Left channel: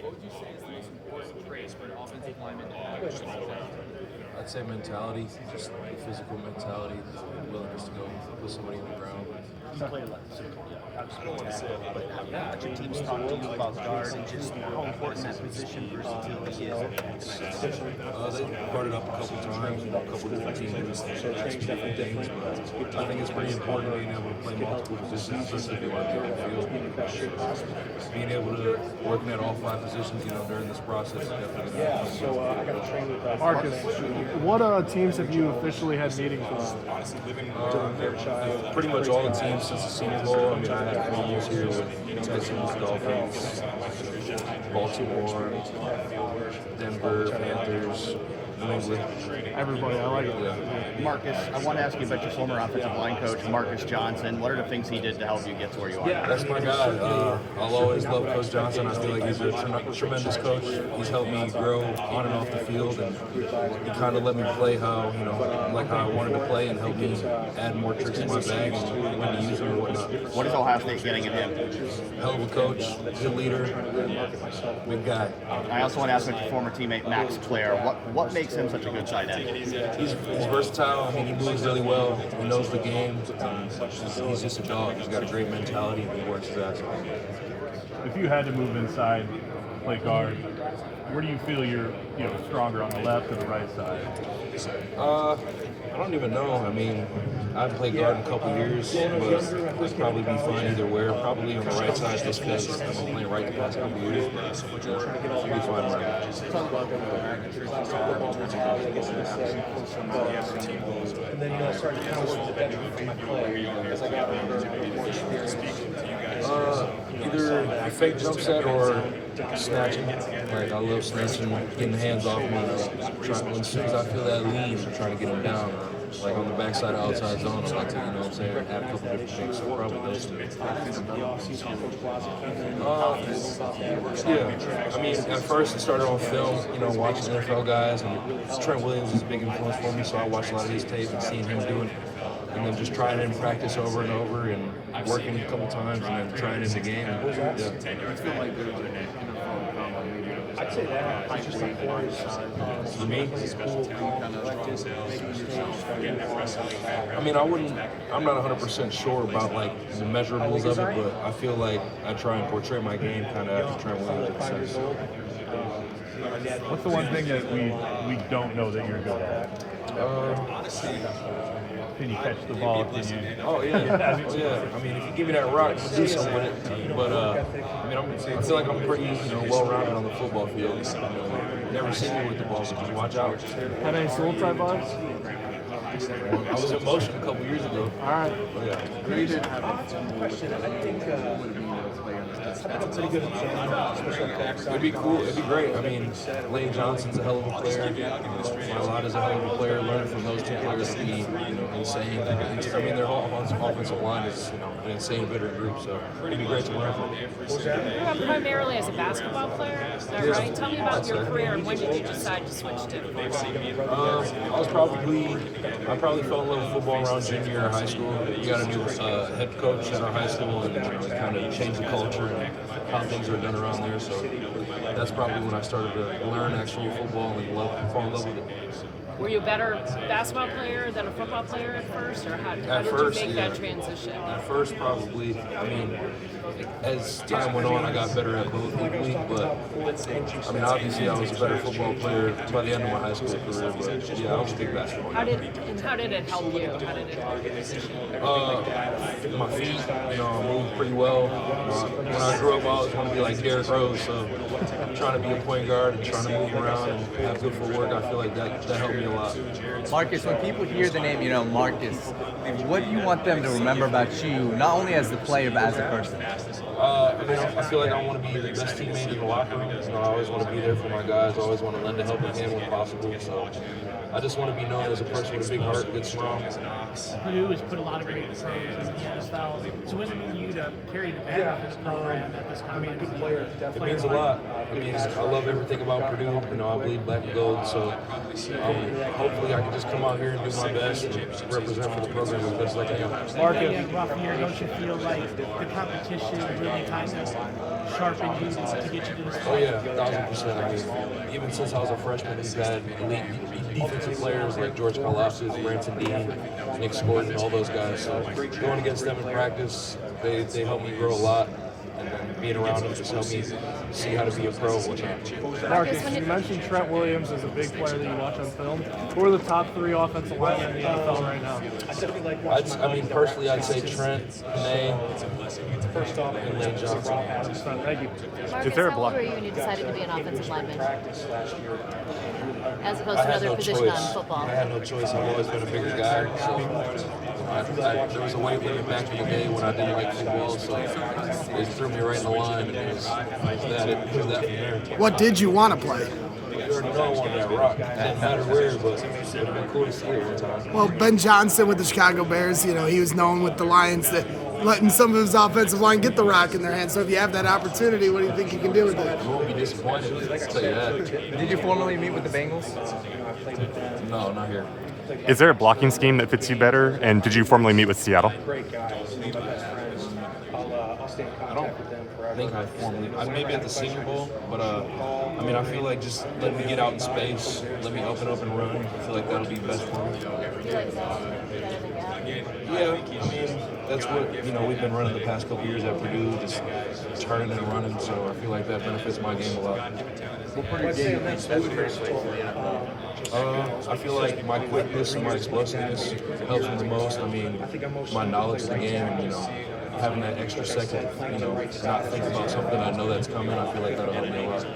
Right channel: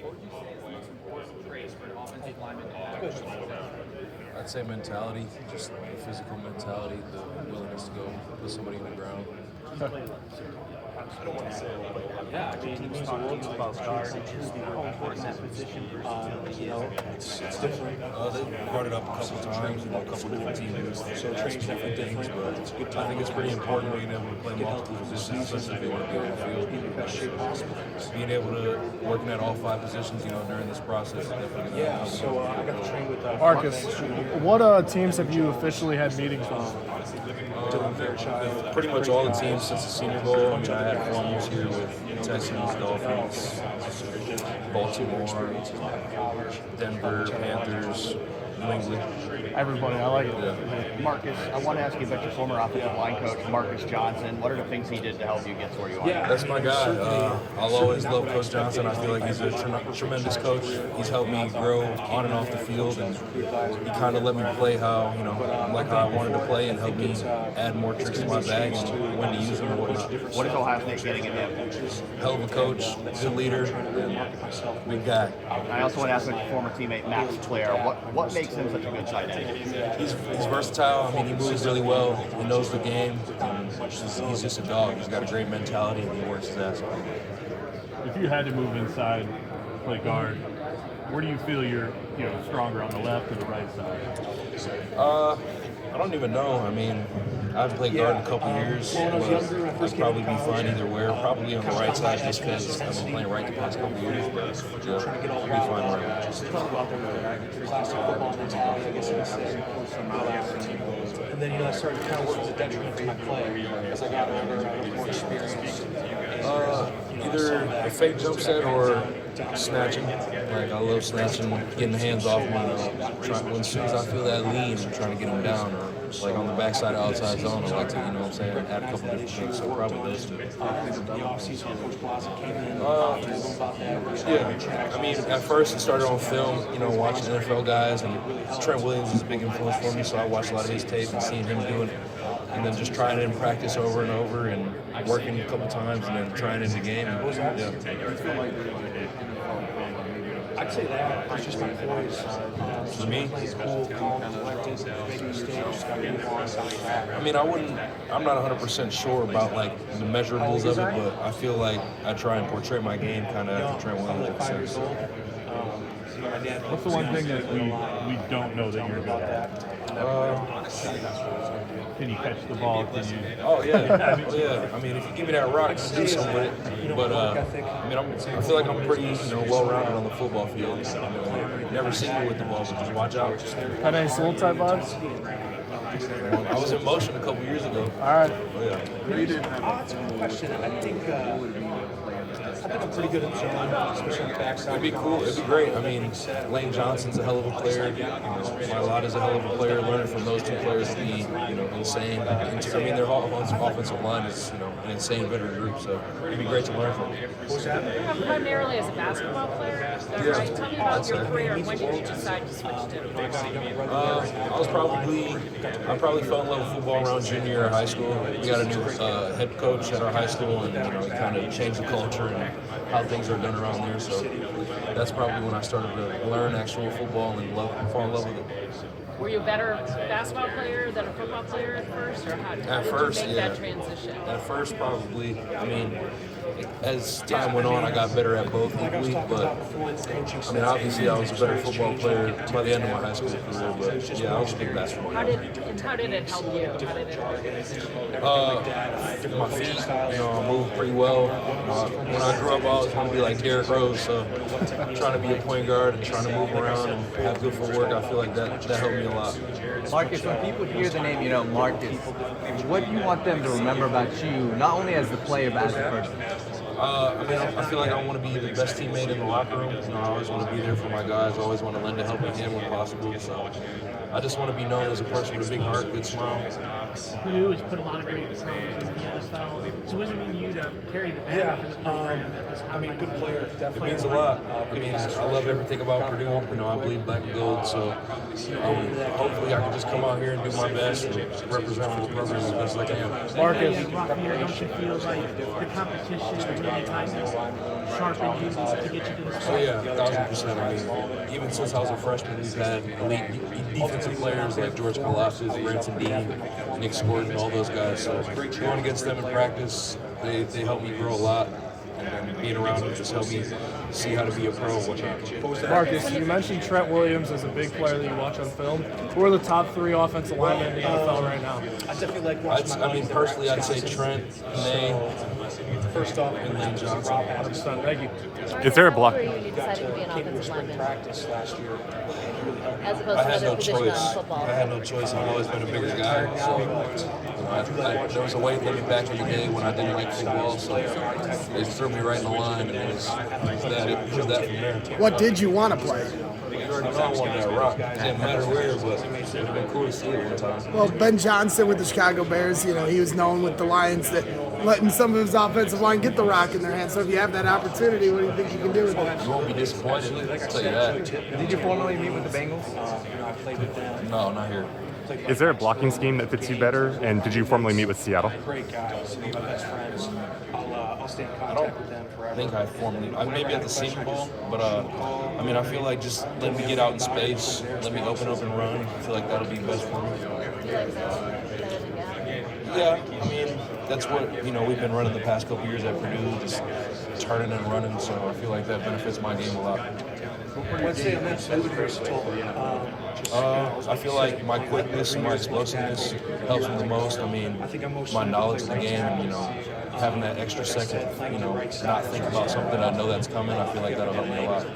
What would you say is the most important trait for an offensive lineman to have? I'd say mentality, just the physical mentality, the willingness to go with somebody on the ground. Yeah, teams talk to you about guard and just how important that position versatility is. They brought it up a couple times, and a couple different teams asked me different things, but I think it's pretty important being able to play multiple positions, especially if you want to be on the field. Being able to work at all 5 positions, during this process is definitely going to help. Marcus, what teams have you officially had meetings with? Pretty much all the teams since the Senior Bowl. I mean, I had formals here with Texans, Dolphins, Baltimore, Denver, Panthers, New England. Everybody, I like it. Yeah. Marcus, I want to ask you about your former offensive line coach, Marcus Johnson. What are the things he did to help you get to where you are? That's my guy. I'll always love Coach Johnson. I feel like he's a tremendous coach. He's helped me grow on and off the field, and he kind of let me play how I wanted to play, and helped me add more tricks in my bag and when to use them and whatnot. What is Ohio State getting in him? Hell of a coach, good leader, big guy. I also want to ask about your former teammate, Max Clare. What makes him such a good tight end? He's versatile. I mean, he moves really well. He knows the game. He's just a dog. He's got a great mentality, and he works his ass off. If you had to move inside, play guard, where do you feel you're stronger, on the left or the right side? I don't even know. I mean, I haven't played guard in a couple years, but I'd probably be fine either way. Probably on the right side just because I've been playing right the past couple years, but I'll be fine right. And then certain counts was a detriment to my play as I got Either a fake jump set or snatching. Like, I love snatching, getting the hands off me. As soon as I feel that lean, I'm trying to get them down. Like on the backside of outside zone, I like to, add a couple different things. So probably those two. Yeah. I mean, at first it started on film, watching NFL guys, and Trent Williams was a big influence for me, so I watched a lot of his tape and seeing him do it. And then just trying it in practice over and over, and working a couple times, and then trying it in the game. And, yeah. I'd say that. You mean? I mean, I'm not 100% sure about like the measurables of it, but I feel like I try and portray my game kind of after Trent Williams in a sense. What's the one thing that we don't know that you're good at? Can you catch the ball? Can you? Oh yeah, yeah. I mean, if you give me that rock, I can do something with it. But I mean, I feel like I'm pretty, well-rounded on the football field. Never seen me with the ball, but just watch out. Got any soul type vibes? I was in motion a couple years ago. All right. Yeah. Question, and I think that's pretty good, especially on the backside. It'd be cool. It'd be great. I mean, Lane Johnson's a hell of a player. Mailata's a hell of a player. Learning from those two players would be, insane. I mean, their offensive line is, an insane veteran group. So it'd be great to learn from. Primarily as a basketball player, is that right? Tell me about your career. When did you decide to switch to? I probably fell in love with football around junior year of high school. We got a new head coach at our high school, and it kind of changed the culture and how things are done around there. So that's probably when I started to learn actual football and fall in love with it. Were you a better basketball player than a football player at first, or how did you make that transition? At first, probably. I mean, as time went on, I got better at both equally. But I mean, obviously, I was a better football player by the end of my high school career. But yeah, I was a big basketball player. How did it help you? How did it help you? My feet, I moved pretty well. When I grew up, I always wanted to be like Derrick Rose, so trying to be a point guard and trying to move around and have good footwork, I feel like that helped me a lot. Marcus, when people hear the name, Marcus, what do you want them to remember about you, not only as a player, but as a person? I mean, I feel like I want to be the best teammate in the locker room. I always want to be there for my guys. I always want to lend a helping hand when possible. So I just want to be known as a person with a big heart, big smile. Purdue has put a lot of great programs in the style. So what does it mean to you to carry the banner for this program at this time? I mean, good players. It means a lot. I mean, I love everything about Purdue. I bleed black and gold. So hopefully I can just come out here and do my best and represent for the program as best as I can. Marcus, rough year, don't you feel like the competition is really tight now? sharpened you to get you to this Oh point? yeah, 1,000%. I mean, even since I was a freshman, we've had elite defensive players like George Karlaftis, Branson Dean, Nick Scorton, all those guys. So going against them in practice, they helped me grow a lot. And then being around them just helped me see how to be a pro and whatnot. Marcus, you mentioned Trent Williams as a big player that you watch on film. Who are the top 3 offensive linemen in the NFL right now? I definitely like I mean, personally, I'd say Trent, Panay, First off, and then Johnson. thank you. Is there a How block? old were you when you decided to be an offensive lineman? As opposed I to had another no position choice. on football. I had no choice. I've always been a bigger guy. So there was a weight limit back in the day when I didn't like football. So they threw me right in the line, and it was that from there. What did you want to play? You already know I wanted that rock. It didn't matter where, but it would have been cool to see it one time. Well, Ben Johnson with the Chicago Bears, you know, he was known with the Lions that letting some of his offensive line get the rock in their hands. So if you have that opportunity, what do you think you can do with it? You won't be disappointed. I'll tell you that. Did you formally meet with the Bengals? No, not here. Is there a blocking scheme that fits you better? And did you formally meet with Seattle? I don't think I formally. Maybe at the Senior Bowl, but I mean, I feel like just let me get out in space, let me open up and run. I feel like that'll be best for me. Yeah, I mean, that's what we've been running the past couple years at Purdue, just turning and running. So I feel like that benefits my game a lot. I feel like my quickness and my explosiveness helps me the most. I mean, my knowledge of the game and, having that extra second, not think about something I know that's coming, I feel like that'll help me a lot.